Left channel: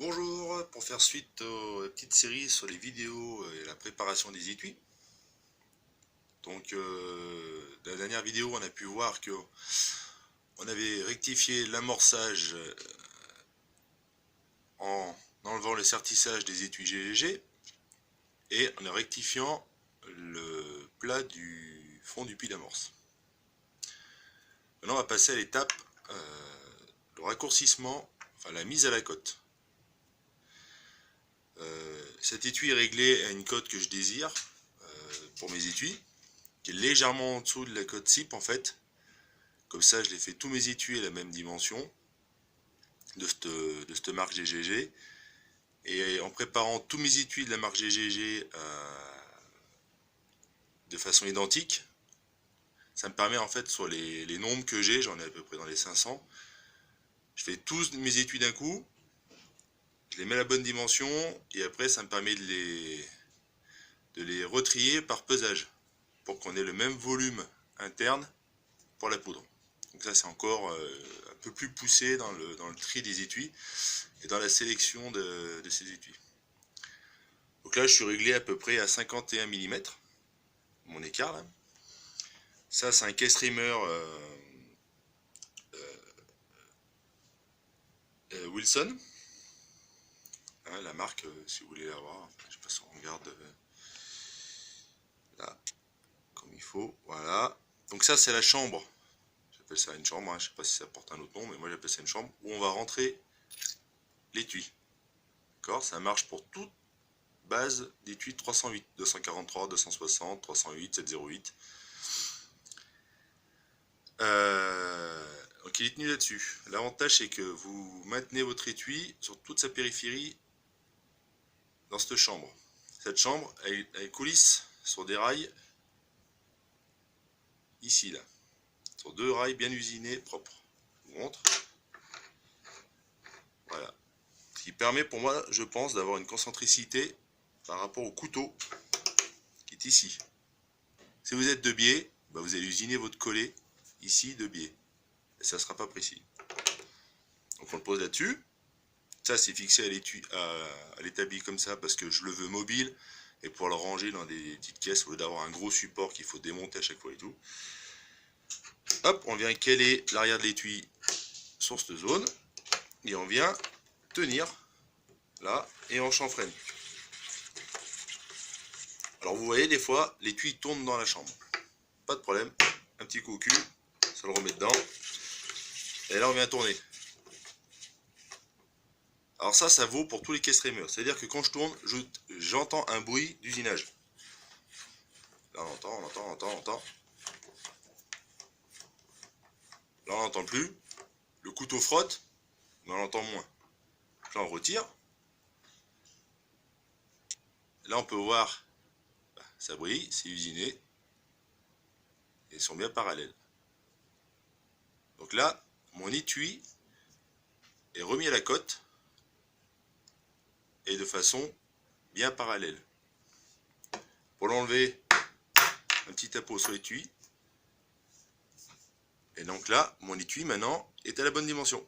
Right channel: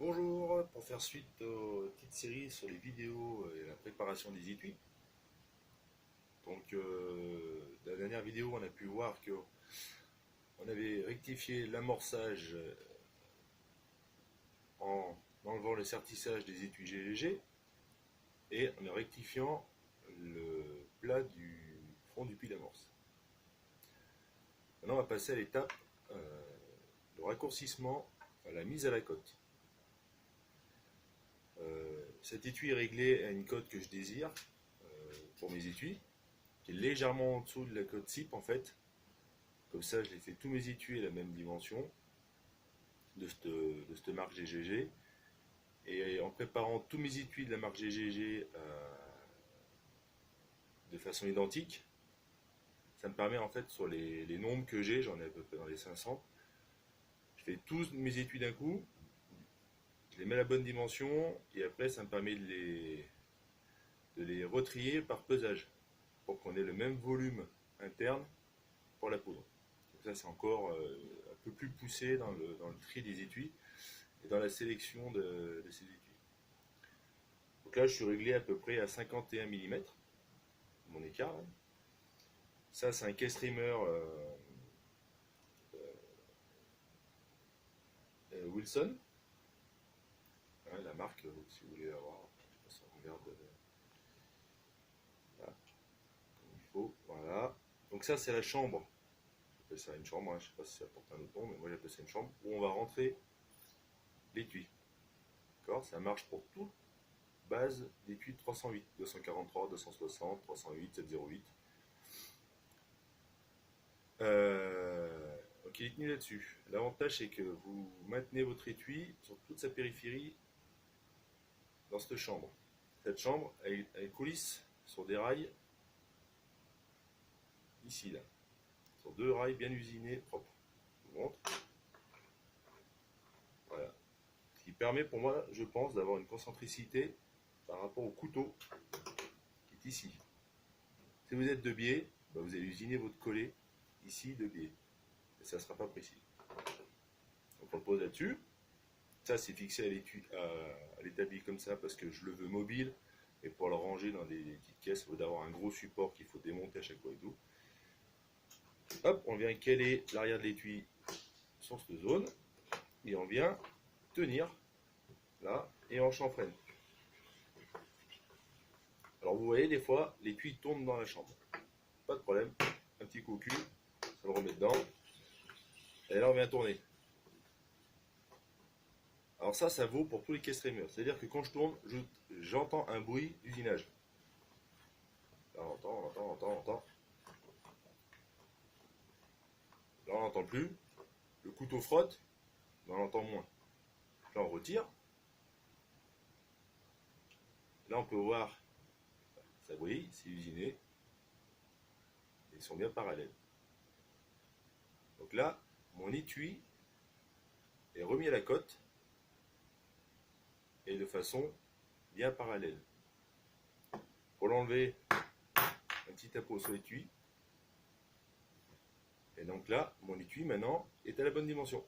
Bonjour, pour faire suite aux petites séries sur les vidéos et la préparation des étuis. Donc, dans la dernière vidéo, on a pu voir que on avait rectifié l'amorçage en enlevant le sertissage des étuis GGG et en rectifiant le plat du fond du puits d'amorce. Maintenant, on va passer à l'étape le raccourcissement, enfin la mise à la cote. Cet étui est réglé à une cote que je désire pour mes étuis, qui est légèrement en dessous de la cote CIP en fait. Comme ça, je les fais tous mes étuis à la même dimension de cette marque GGG. Et en préparant tous mes étuis de la marque GGG de façon identique, ça me permet en fait sur les nombres que j'ai, j'en ai à peu près dans les 500, je fais tous mes étuis d'un coup, je les mets à la bonne dimension et après ça me permet de les retrier par pesage pour qu'on ait le même volume interne pour la poudre. Donc ça c'est encore un peu plus poussé dans le tri des étuis et dans la sélection de ces étuis. Donc là je suis réglé à peu près à 51 mm, mon écart là. Ça c'est un case-trimmer Wilson. Hein, la marque si vous voulez la voir, je sais pas si on regarde là comme il faut, voilà. Donc ça c'est la chambre, j'appelle ça une chambre, hein. Je sais pas si ça porte un autre nom, mais moi j'appelle ça une chambre, où on va rentrer l'étui. D'accord, ça marche pour toute base d'étui 308, 243, 260, 308, 708. Donc il est tenu là-dessus. L'avantage c'est que vous maintenez votre étui sur toute sa périphérie dans cette chambre. Cette chambre, elle coulisse sur des rails ici là, sur deux rails bien usinés, propres. Je vous montre. Voilà. Ce qui permet pour moi, je pense, d'avoir une concentricité par rapport au couteau qui est ici. Si vous êtes de biais, bah vous allez usiner votre collet ici de biais. Et ça ne sera pas précis. Donc on le pose là-dessus. Ça c'est fixé à l'établi comme ça parce que je le veux mobile et pour le ranger dans des petites caisses au lieu d'avoir un gros support qu'il faut démonter à chaque fois et tout. Hop, on vient caler l'arrière de l'étui sur cette zone et on vient tenir là et on chanfreine. Alors vous voyez des fois l'étui tourne dans la chambre. Pas de problème, un petit coup au cul, ça le remet dedans. Et là on vient tourner. Alors ça vaut pour tous les case-trimers. C'est-à-dire que quand je tourne, j'entends un bruit d'usinage. Là on entend. Là on n'entend plus. Le couteau frotte, mais on entend moins. Là on retire. Là on peut voir, ça brille, c'est usiné. Et ils sont bien parallèles. Donc là, mon étui est remis à la cote et de façon bien parallèle. Pour l'enlever, un petit tapot sur l'étui. Et donc là, mon étui maintenant est à la bonne dimension.